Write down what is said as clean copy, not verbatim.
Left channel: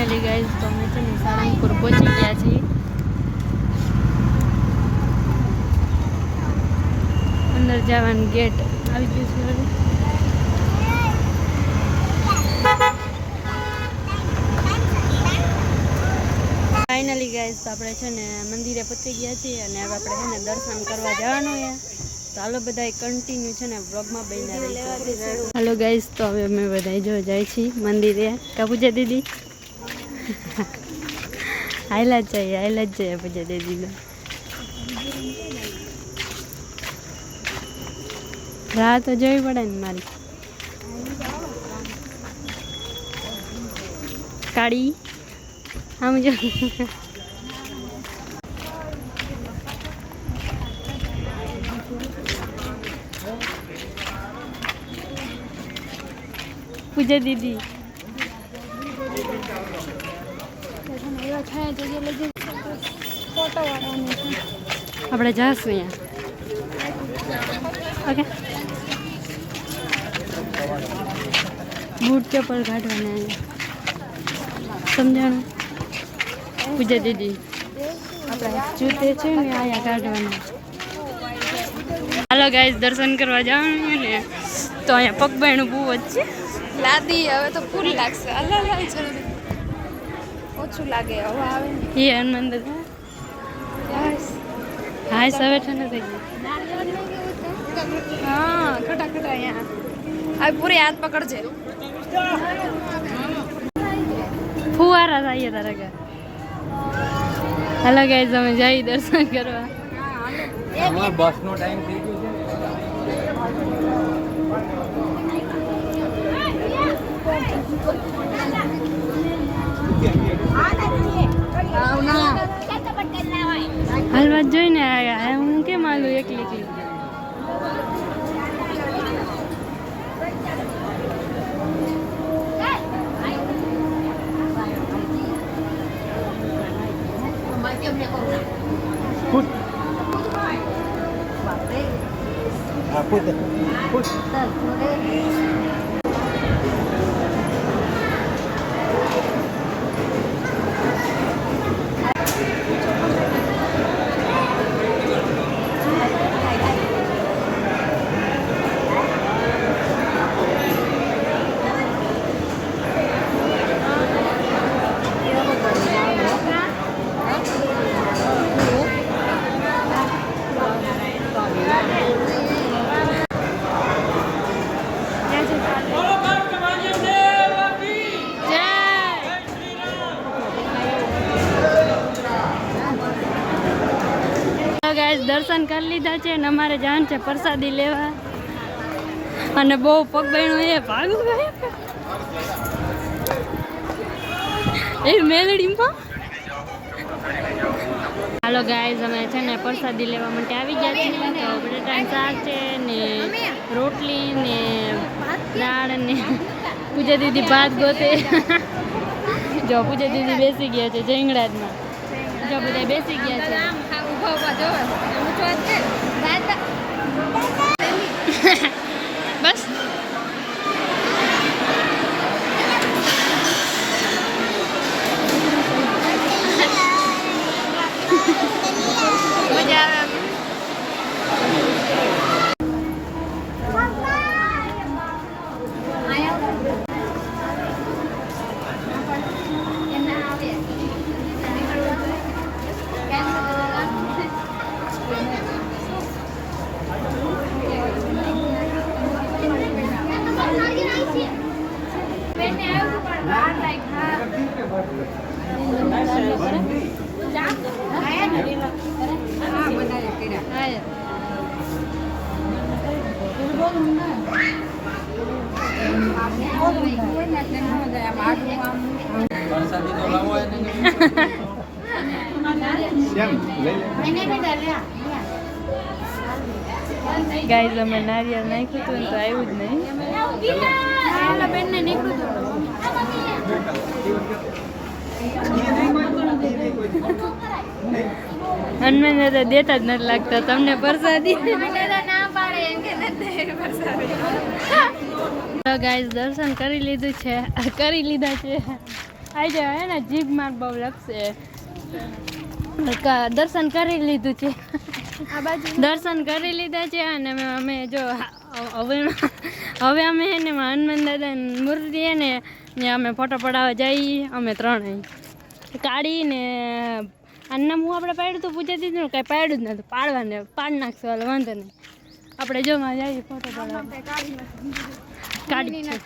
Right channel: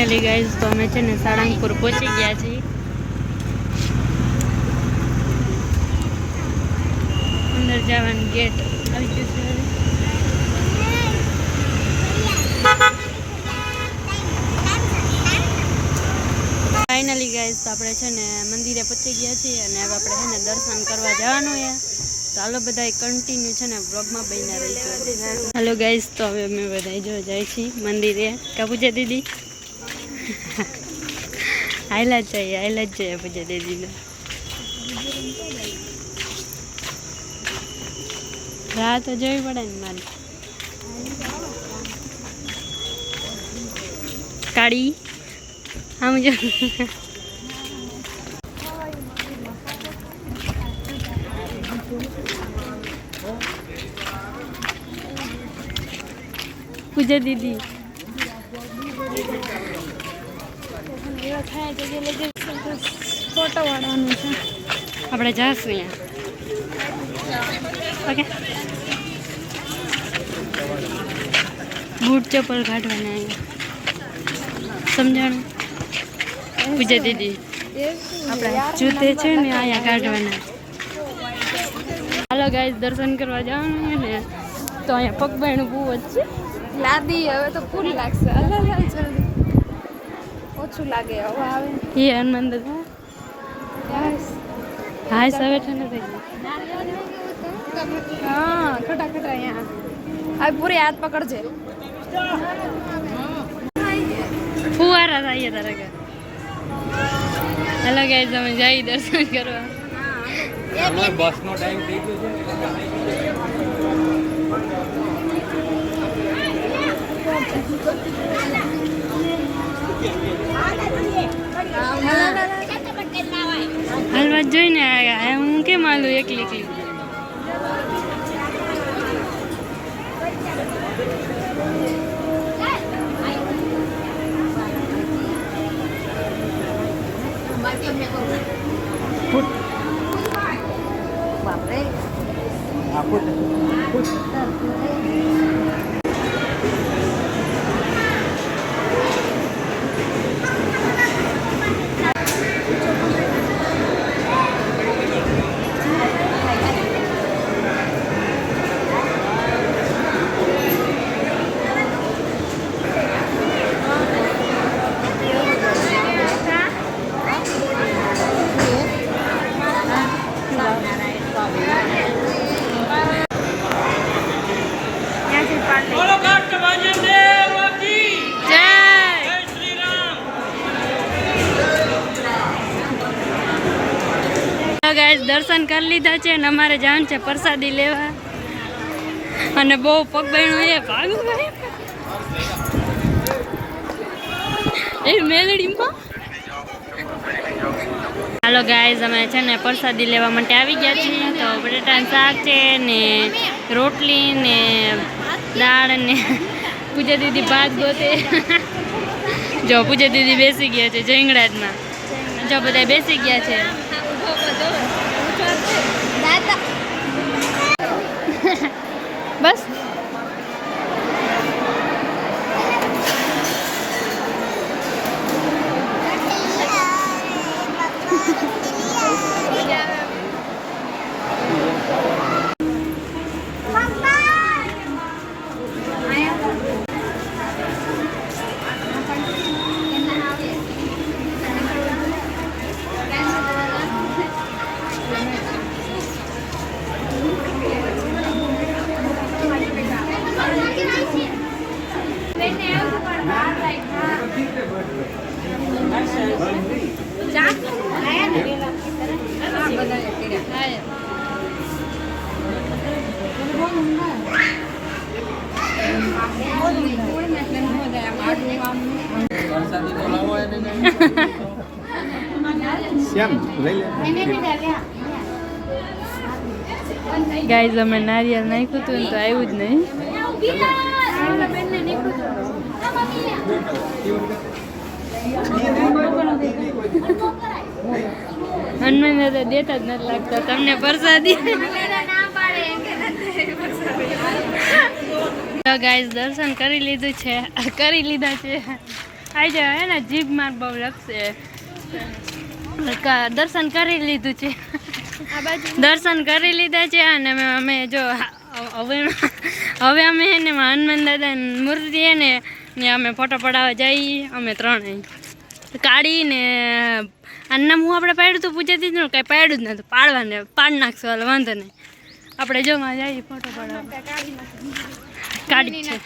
Finally guys તો અમે છે ને સાળંગપુર પહોંચી ગયા છીએ. અંદર જવાનું ગેટ આવી ગયું છે. ફાઇનલી ગાઈઝ તો આપણે છે ને મંદિરે પહોંચી ગયા છીએ અને હવે આપણે છે ને દર્શન કરવા જવાનું છે. તો હાલો બધા કન્ટિન્યુ છે ને બ્લોગમાં બન્યા રહીજો. હાલો ગાઈઝ તો હવે અમે બધા જો જાય છીએ મંદિરે. કા પૂજા દીદી હાઈલા જ જઈએ પૂજા દીદીને. રાહ તો જોવી પડે ને મારી. કાળી આમ જો પૂજા દીદી ફોટો વાળવાનું છે. આપણે જઈશું અહીંયા. ઓકે બૂટ ચપ્પલ કાઢવાના અહીંયા સમજાણું. પૂજા દીદી આપણા જૂતે છે ને અહીંયા કાઢવાના. હાલો ગાઈસ દર્શન કરવા જવાનું ને તો અહીંયા પગબાયણું બહુ જ છે. લાદી હવે તો ફૂલ લાગશે. ઓછું લાગે હવે આવે એ હનુમાન દાદા હા હવે છે ને થઈ ગયું. હા ખટા અહીંયા હવે પૂરી હાથ પકડજે. ફુવારા થાય તારા ઘર. હાલો ગાઈસ અમે જઈ દર્શન કરવા. બસનો ટાઈમ થઈ ગયો છે. હાલવા જોઈને આવ્યા હું કેમ હાલું એકલી. ગાઈસ દર્શન કરી લીધા છે અને અમારે જવાનું છે પ્રસાદી લેવા. અને બહુ પગબેણું એ ભાગું એ મેલડીમાં. હાલો ગાઈસ અમે છે ને પ્રસાદી લેવા માટે આવી ગયા છીએ. તો બટેટાનું શાક છે ને રોટલી ને દાળ ને પૂજા દીદી ભાત ગોતે. જો પૂજા દીદી બેસી ગયા છે જંગડાજમાં. જો બધા બેસી ગયા છે. બસ ગાઈઝ અમે નારિયેળ નાખ્યું હતું તો આવ્યું જ નહીં. હનુમાન દાદા દેતા જ નથી લાગતા તમને પ્રસાદી. ગાઈઝ દર્શન કરી લીધા છે આજે હે ને જીભ માર બહુ લગશે. દર્શન કરી લીધું છે, દર્શન કરી લીધા છે અને અમે જો હવે અમે હે ને હનુમાન દાદાની મૂર્તિ હે ને ત્યાં અમે ફોટો પડાવવા જઈએ અમે ત્રણેય. કાઢી ને આનું નામ હું આપણે પાડ્યું હતું પૂછાતી ને કાંઈ પાડ્યું જ નહોતું. પાડવાને પાડ નાખશું હાલ વાંધો નહીં. આપણે જો માં જઈએ ફોટો પડાવવા. કાઢી છે